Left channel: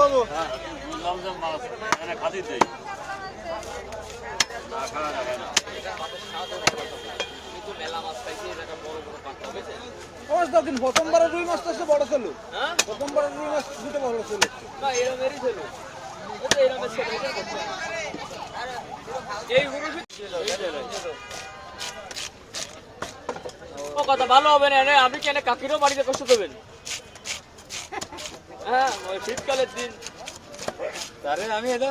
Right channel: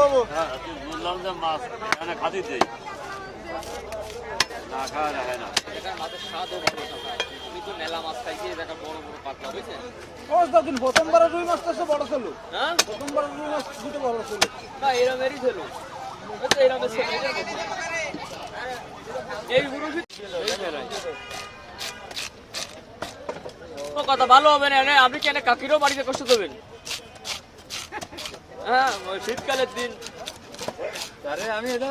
বাবু বললাম যে মাছ এখানে খাতি দেই না খাওয়া যায় না প্রথমবার রুই মাছটা সে বড় ছিল, প্রথমবার রুই মাছ দুটো বড় ছিল। কথা ভালো হবে না, আপনি কেন কাকিরও বাড়িতে কষ্ট দেবেন? হ্যাঁ, ওই শীতকালের দিন আরে আমি এটা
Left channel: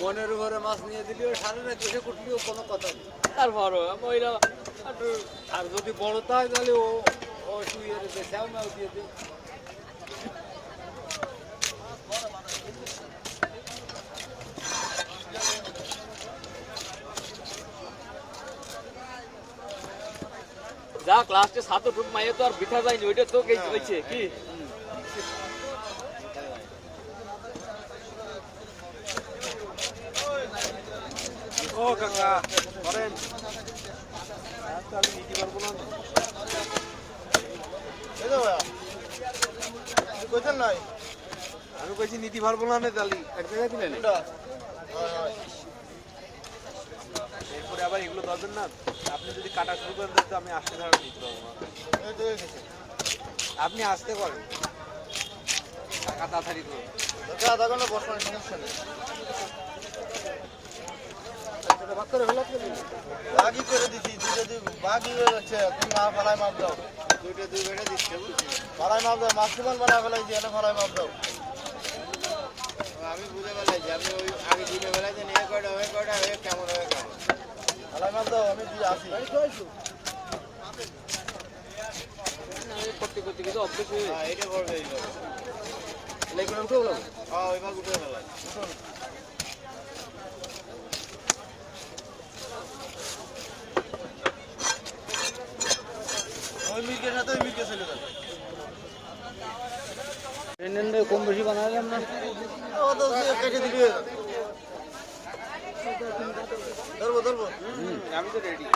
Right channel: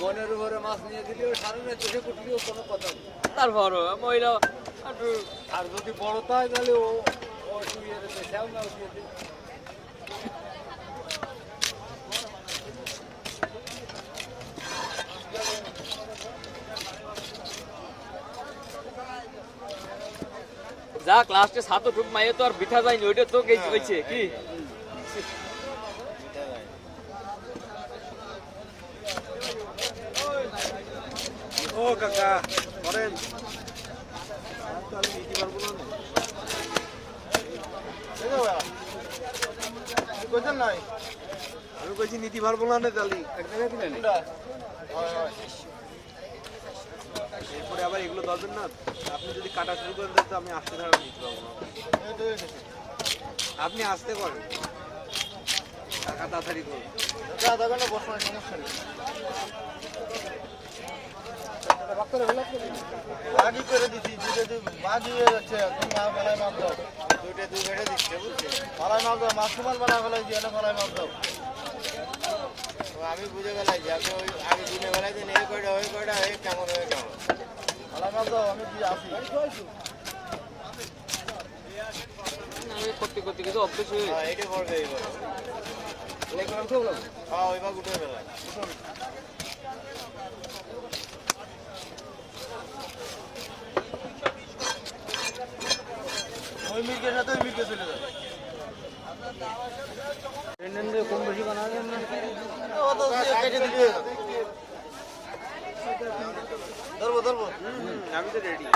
মনের উপরে মাছ নিয়ে দিলেও সারা রাত এসে কুটলেও কোনো কথা নেই। তারপরও মহিলা আর যদি বড় তাই তাহলে ও শুয়ে দেখাও মাছ দিয়ে দিই। যা ক্লাসে সাত টুক মাইয়ে তো আর বিঠা যায়নি, ওইটা তো হয়েছে কি ও কাকা করেন আমি নিতে পারবো না। আমি কইছি নিতে পারবো না তালি এক জায়গায় দিলেন। এরপরে আবার এগুলো ধরবেন না, আপনি যদি কাটা শুরু করেন তাহলে তো আমি আসতে ছাড়া নিতে পারবো না। আপনি আসতে করেন, টাকা তাড়াতাড়ি করুন। আধা ঘন্টা বসানোর সমস্যা নেই। বাগি করে দিচ্ছি, দুটো বাগি হয়ে যাচ্ছে। তুমি ফেলায় মাপ দাও, দুইটা দুই বেড়ে দিচ্ছে, বুঝছি ফেলায় মাপ দাও, মাসুমান বানা ফেলাই দিয়ে ফেলায় মাপ দাও। আমি বুঝে বেলাই যে আপনি ওই আগে দিনে বেলা দিন এই কয়টা ওই কয়টা হয়ে কেমন হয়ে কেমন ফেলায় মাপ দাও। আমি আসি করতে করতে কিন্তু অভ্যেস হয়ে এটা করবে এইবার। হ্যাঁ ওইবার উঠে ফেলায় ওই মির্গের সাথে ওই মির্গে চলে যাবে। কম বেশি বানালাম না, ও তো একে দিবে। ধরবো ধরবো, আমি তো রেডি।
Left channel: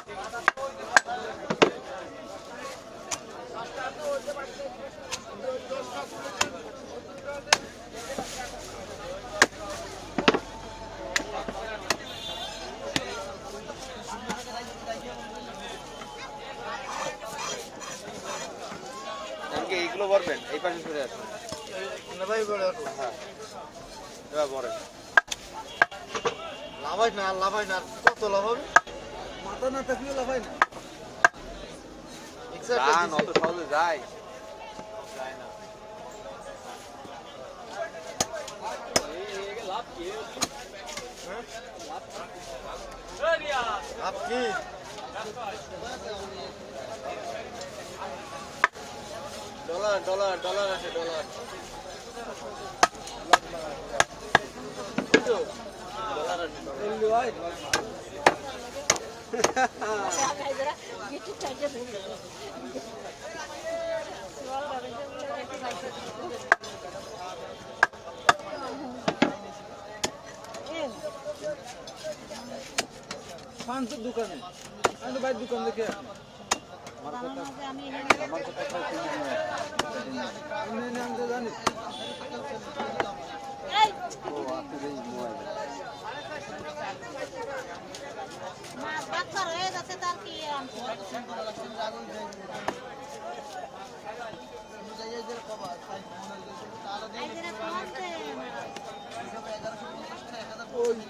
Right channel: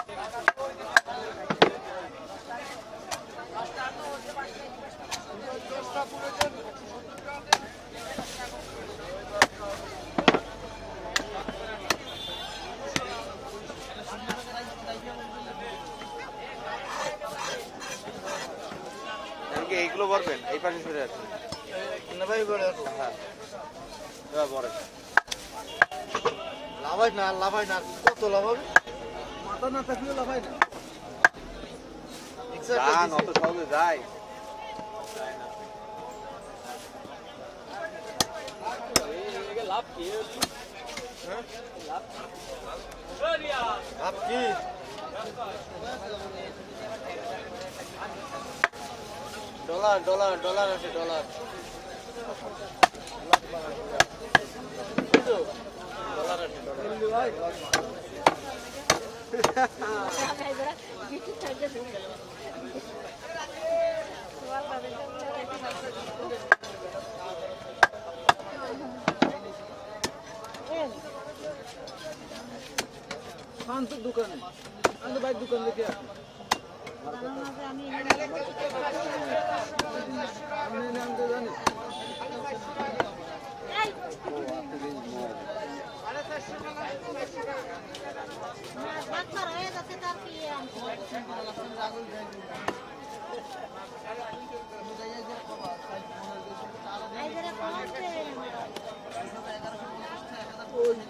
এইগুলো ভরবেন, এই পাশে সরে আছেন ভাই। হ্যাঁ এবার ভরে লাভাই না, লাভাই না, কত লাভ হবে? মাথা না থাকলেও লাভাই না। অত সহজে যায় না। লাভ কি লাভ কি? ডলার ডলার ডলার আছে, ডলার ডলার আছে, পাঁচশো দোকানে আমি বাইরের দোকান দেখে আসি। জানি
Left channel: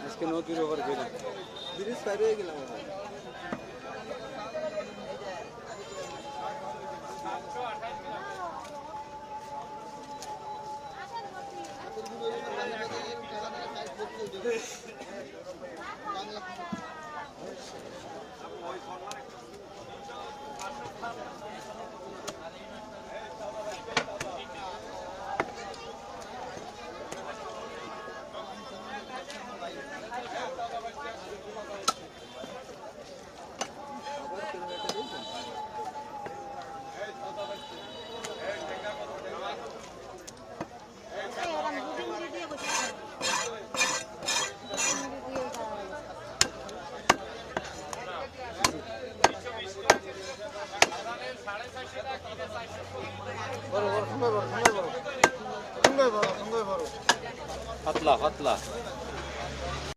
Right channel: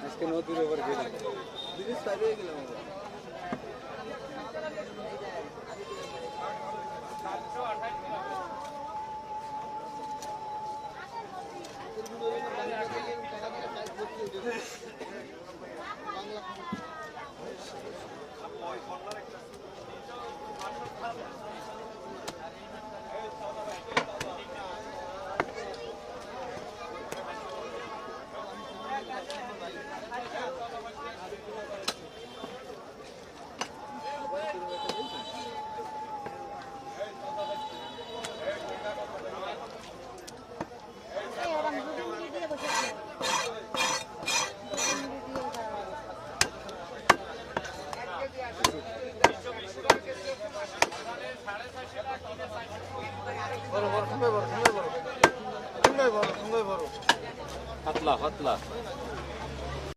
আজকে নদীর ওভার ব্রিজ পার হয়ে গেল। কই বড় পাতলা পাতলা